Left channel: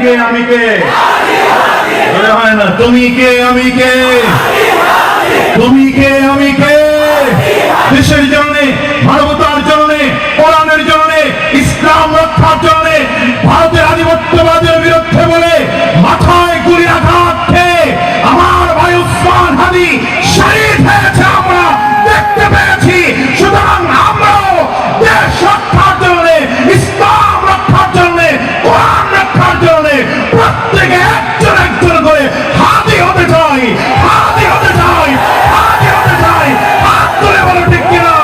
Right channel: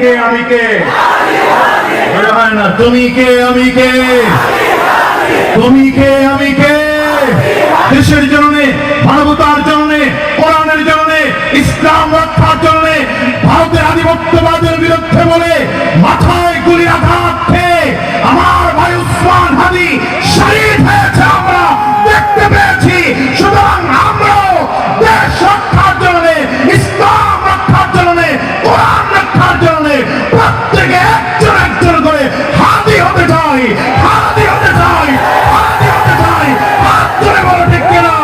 কে, আমি কে? হয় না, তুমি কে, আমি কে? তুমি কে, আমি কে? দেশের জন্য প্রত্যেকে একজন একজন করে হাদি হতে চাই হাদি হতে চাই হাদি হতে চাই। হাত করে বলো ঠিক কিনা?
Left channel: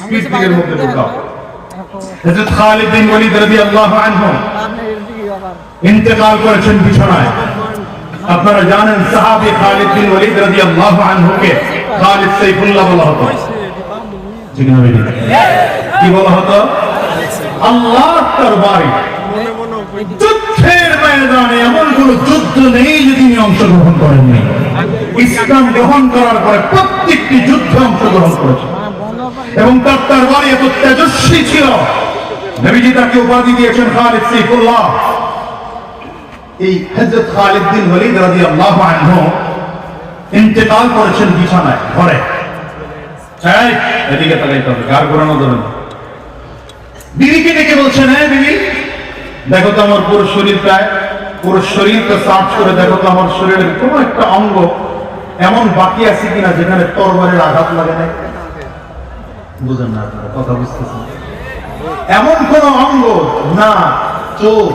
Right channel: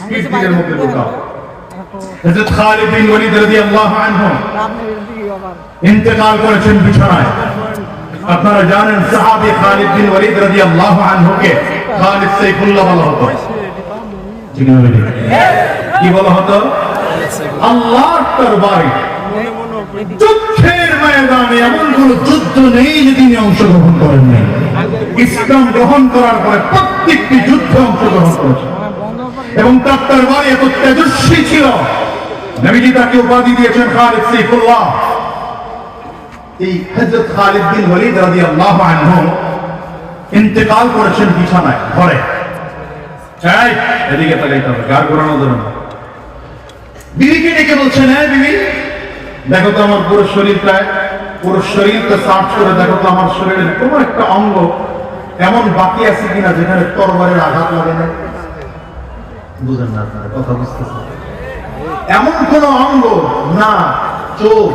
স্পিড দিকের মধ্যে ঢোকাও। হযরত খালিদ বিন ওয়ালিদ রাদিয়াল্লাহু আনহু। ইন্তেকাল করেছেন বিছানায়। আপনারা জানেন সাহাবী খালিদ বিন ওয়ালিদ রাদিয়াল্লাহু আনহুকে খালিদ সাইফুল্লাহ বলা হতো। কি কি বলা হতো? আল্লাহর তরবারি যুদ্ধের ময়দানে এমন কোন যুদ্ধ নেই যে তিনি অংশগ্রহণ করেননি ইসলাম গ্রহণ করার পরে প্রত্যেকটি যুদ্ধে অংশগ্রহণ করেছেন এবং তার তরবারি এত তেজস্বী ছিল। নবীজি তাকে উপাধি দিয়েছেন খালিদ সাইফুল্লাহ। এই হযরত খালিদ বিন ওয়ালিদ রাদিয়াল্লাহু আনহু ইন্তেকাল করেছেন বিছানায় ঘরে। চাই এদিকে তাহলে গার ঘোরানো ধরুন। বিবিকে ডেকে বলছেন হ্যাঁ বিবি। দেখো তো আমার পুরো শরীরটায় পুরো শরীরটা সার্চ করে দেখো তো আমার শরীরের কোনো একটা অঙ্গ এমন বাকি আছে কিনা যেখানে তরবারের আঘাত লাগে না বুঝেন না আপনারা, কথা বুঝতেছেন? এমন কোন অঙ্গ না, চোখ,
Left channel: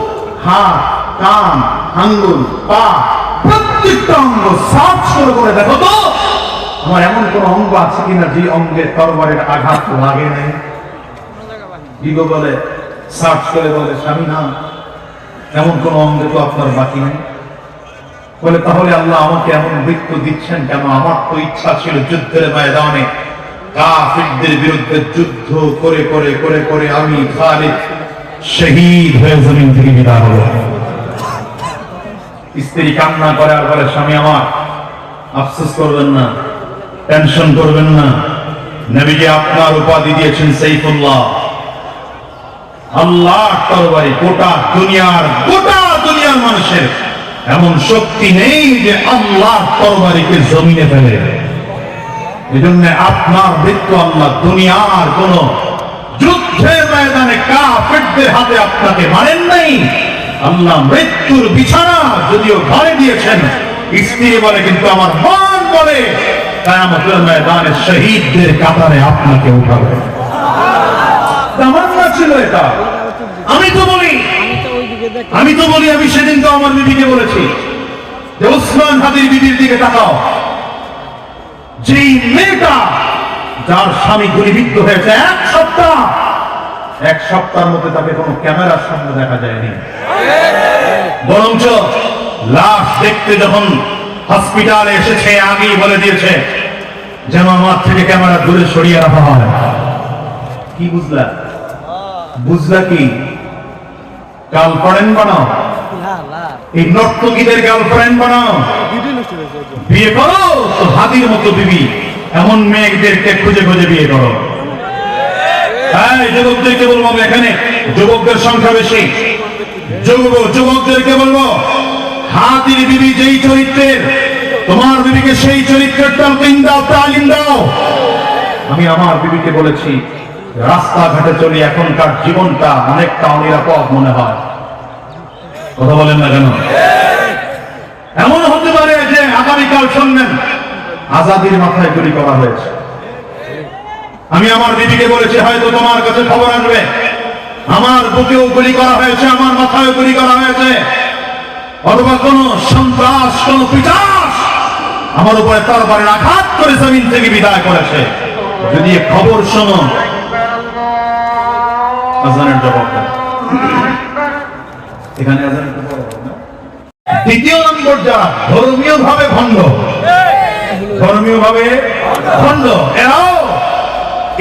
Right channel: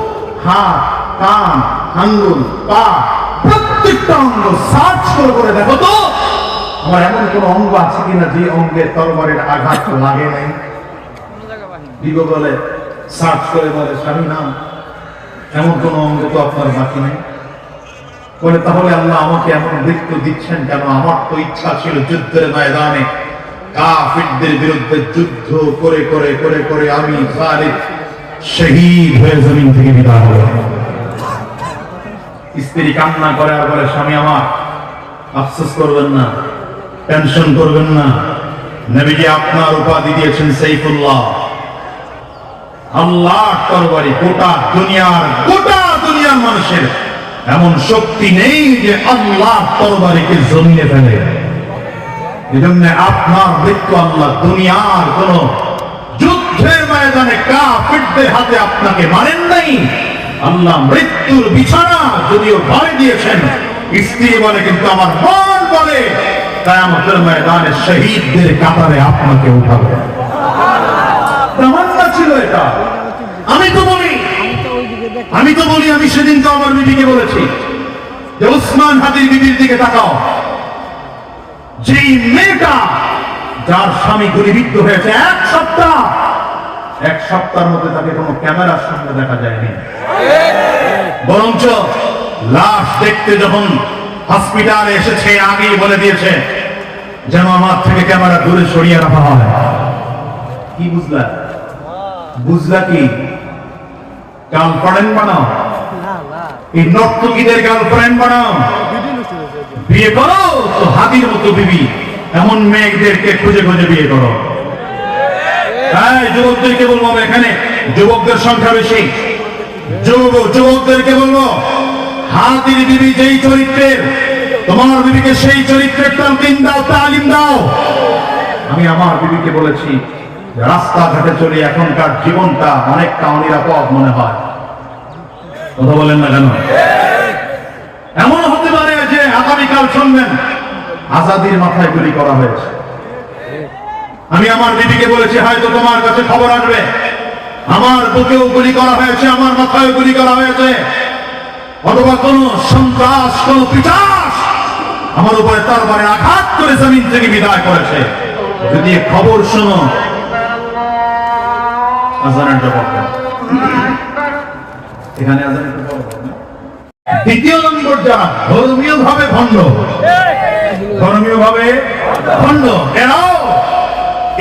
হাত, কান, আঙ্গুল, পা, প্রত্যেকটা অঙ্গ সার্চ করে করে দেখো তো, আমার এমন কোন অঙ্গ আছে কিনা যে অঙ্গে তরবারের আঘাত লাগে নাই? বলে সার্চ করে বলে, স্বামী নাম এমন কোন অঙ্গ তো আপনার বাকি নেই। বলে, তাহলে আল্লাহ আমাকে এমন মৃত্যু দিচ্ছেন কেন? আমার তো ইচ্ছা ছিল যুদ্ধের ময়দানে কাফিরদের বিরুদ্ধে যুদ্ধ করে করে করে করে আমি খালিদ শহীদ হয়ে জমিন থেকে বিদায় হব। স্ত্রী কান্না করে আর বলে স্বামী, আমার আফসোস করবেন না, টেনশন করবেন না। নবীজি আপনার উপাধি দিয়েছেন সাইফুল্লাহ। আল্লাহ তরবারি গোটা দুনিয়ার গোটা দুনিয়ার মানুষের এমন শক্তি নেই যে আল্লাহ তরবারিকে জমিনে ফেলে এই জন্য আপনার মৃত্যু আল্লাহ দুনিয়ার কোন যুদ্ধের ময়দানে কাফেরদের হাতে আপনাকে মারেন নাই। আল্লাহ মৃত্যুর বিছানা যদিও ঘরে দিয়েছেন স্ত্রী বলে কিন্তু আমার মন বলে তাই আমাদের ময়দানে শহীদদের কাতারে আপনাকে উঠাবে। আমি তো বলি। আমি সেদিন তো আমার বিবিকে বলেছি যে উসমান হাদির বিবির দিকে তাকাও। যেই মেয়েটা যার স্বামী গুলিবিদ্ধ হয়েছে এক সপ্তাহ, এক সপ্তাহের মধ্যে তাকে কোনো ক্যামেরার সামনে দেখা যায়নি। বরঞ্চ লাশ দেখতে যখন হসপিটালে এসেছে, আগেই বলে দিয়েছে, যেন আমার থেকে ক্যামেরা দূরে সরিয়ে রাখা হয়। কি বুঝলা বুঝলা কি? গার্লফ্রেন্ড বানাও। এই নর্তকীদের গার্লফ্রেন্ড বানাও। বিয়ে করো তো হাতির মতো বিবি। এমন মেয়েদেরকে খুঁজে খুঁজে বিয়ে করো। যুবকদেরকে বলব এখানে? যুবকদের সংখ্যা বেশি। যুবক যুবকদেরকে বলব? হাতির বিবি যেই চরিত্রের, তোমার বিবিকে সেই চরিত্রের তালিম দাও তালিম দাও। আমি আমার বিবিকে বলেছি রাস্তাঘাটে চলে এখনকার জীবনটা অনেকটা অনিরাপদ মনে হয়। কথা বলেন না কেন? এমন হতে পারে যে আগামীকাল শুনবেন, আজাদির মাথায় গুলি করা হয়েছে। আমি আমার দিদিকে বলেছি, হয়তো তোমার কাছে খবর আসবে। আমার বুকেও গুলি করা হয়েছে, আমার মাথায় গুলি করা হয়েছে। অথবা কোন সন্ত্রাস, কোন পিটাস আমার উপরে তার আঘাত করে জমিন থেকে বিদায় করেছে। যদি খবর শোনো দ্বিতীয় নম্বর যা ধর্মীয় ভাবে ভণ্ড। ধর্মীয় ভাবে ভণ্ড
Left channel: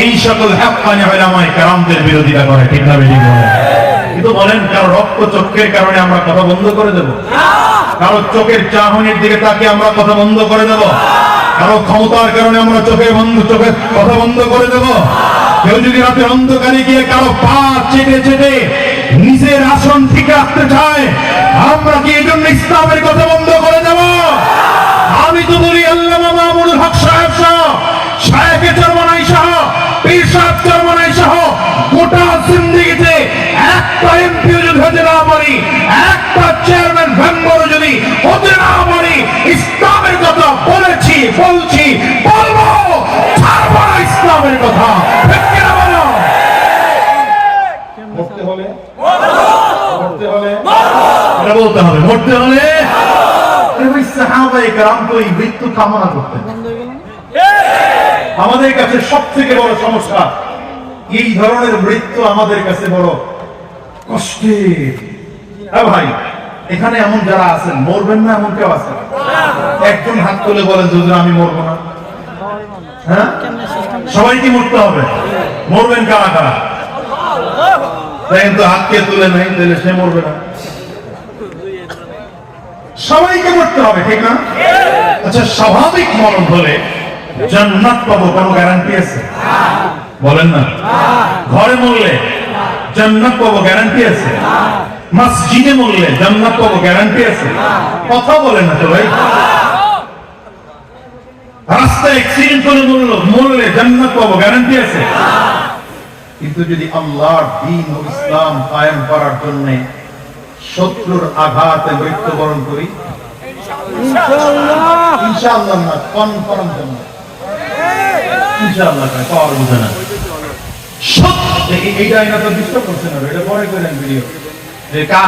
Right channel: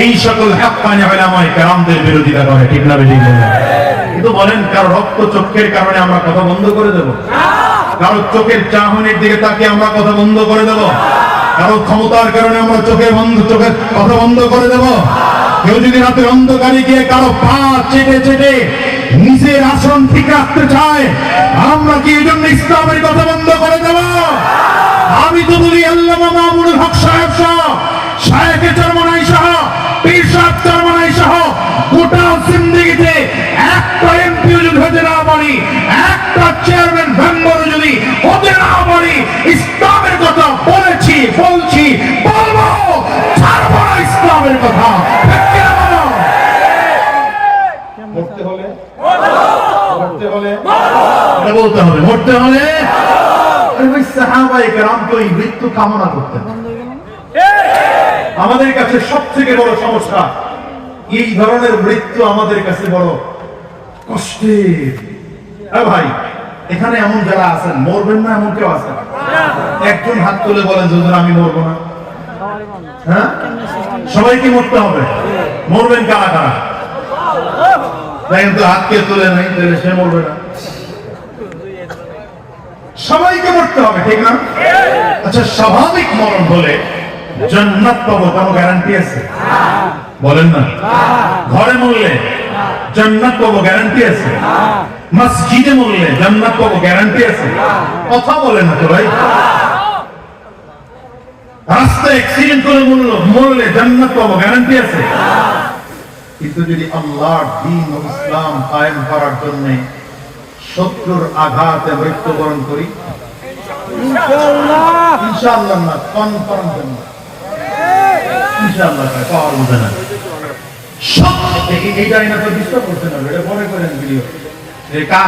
এই সকল হ্যাপকানি হলামায় কারামদের বিরোধিতা করে, ঠিক না বলে? কিন্তু বলেন, কারও রক্ত চক্ষের কারণে আমরা কথা বন্ধ করে দেব? কারও চোখের চাহনির দিকে তাকে আমরা কথা বন্ধ করে দেব? কারও ক্ষমতার কারণে আমরা চোখের বন্ধ চোখের কথা বন্ধ করে দেব? কেউ যদি রাতের অন্ধকারে গিয়ে কারও পা চেটে চেটে নিজের আসন ঠিক রাখতে চায়, আমরা কি এই জন্য ইসলামের কথা বন্ধ করে দেব? আমি তো বলি আল্লাহ মামুল হক সাহেব সহ, শায়েখে চরমনাই সহ, পীর সাহেব চরমনাই সহ, গোটা একটা এমপিও যদি হতে না পারি, একটা চেয়ারম্যান যদি হতে না পারি, ইসলামের কথা বলেছি, বলছি বলতে হবে মরতে হলে এই মৃত্যু কামনা আমাদের কাছে সব থেকে বড় সমস্যা, এই ধরনের মৃত্যু আমাদের কাছে বড় কষ্টের ভাই, এখানে এমন যারা আছেন, মরবেন না এমন কেউ আছেন একজন হাত তুলে বলে যদি আমি মরবো না। হ্যাঁ? সবাই কি মরতে হবে? মরবেন কারা কারা? দেখেন তো হাতকে তুলে নাই, তাহলে সে মরবে না। সবাইকে মরতে হবে, ঠিক না? আচ্ছা স্বাভাবিক মরণ হলে জান্নাত পাবো, কোনো গ্যারান্টি আছে? বলেন না। ঘরে মরলে জান্নাত পাবো গ্যারান্টি আছে? মসজিদে মরলে জান্নাত পাবো গ্যারান্টি আছে? কথা বলে না তো ভাই। রাস্তায় অ্যাক্সিডেন্ট করে মরলো, মরলে জান্নাত পাবো গ্যারান্টি আছে? কিন্তু যদি আল্লাহর দিন ও ইসলাম কায়েম করার জন্য শত্রুর আঘাতে মৃত্যুবরণ করি। ইনশাআল্লাহ। ইনশাআল্লাহ না কনফার্ম জান্নাত ইনশাআল্লাহ পাওয়ার বুঝে না। এই- এই ডাইনাটা ডিস্টার্ব করছে না এটা পরে করেন ভিডিও এই কা?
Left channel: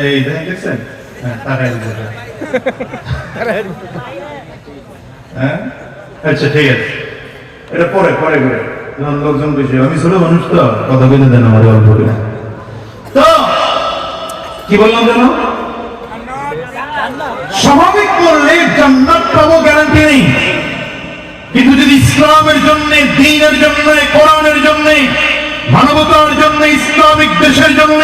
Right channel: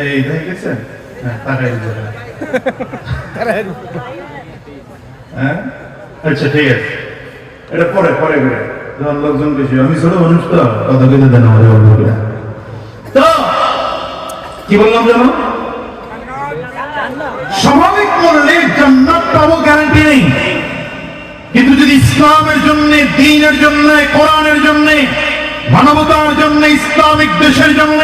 এই দেখেন দেখছেন? হ্যাঁ হ্যাঁ? আচ্ছা ঠিক আছে। এটা পরে পরে করে। লোকজন বেশি আমি ছোট মানুষ তো কথা বলতে দেন আমাদের অল্প কি বললাম যেন? স্বাভাবিক করলে জান্নাত পাবো গ্যারান্টি নেই। কিন্তু যদি ইসলামের জন্য, দিনের জন্য, কোরআনের জন্য, মানবতার জন্য, ইসলামিক দেশের জন্য,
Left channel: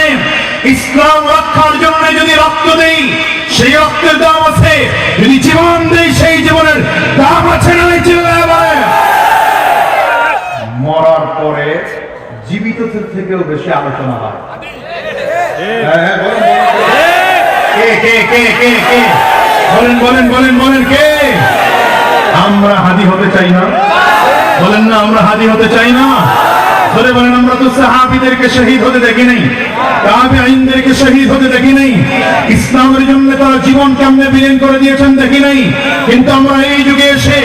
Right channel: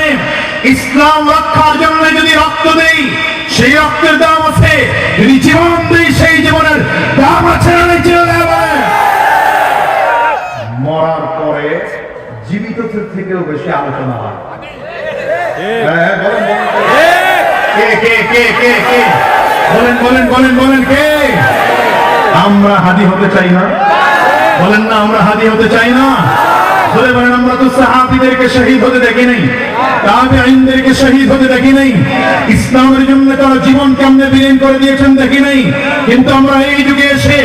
ইসলাম রক্ষার জন্য যদি রক্ত দেই, সেই রক্তের দাম আছে। যদি জীবন দেই, সেই জীবনের দাম আছে? মরার পরে জীবিত থেকেও বেশি আলোচনা হয় হ্যাঁ, বলেন, বলেন, বলেন। আমরা হাদি হতে চাই না। বলেন না আমরা হাদি হতে চাই না। বলে বলেন, আমরা তো সাহাবিদেরকে শহীদ হতে দেখি নাই তাবেঈনদেরকে শহীদ হতে দেখি নাই। ইসলামের জন্য তারা জীবন কেমনে বিলীন করে দিয়েছেন দেখি নাই। কিন্তু আমরা এই যুগে এসে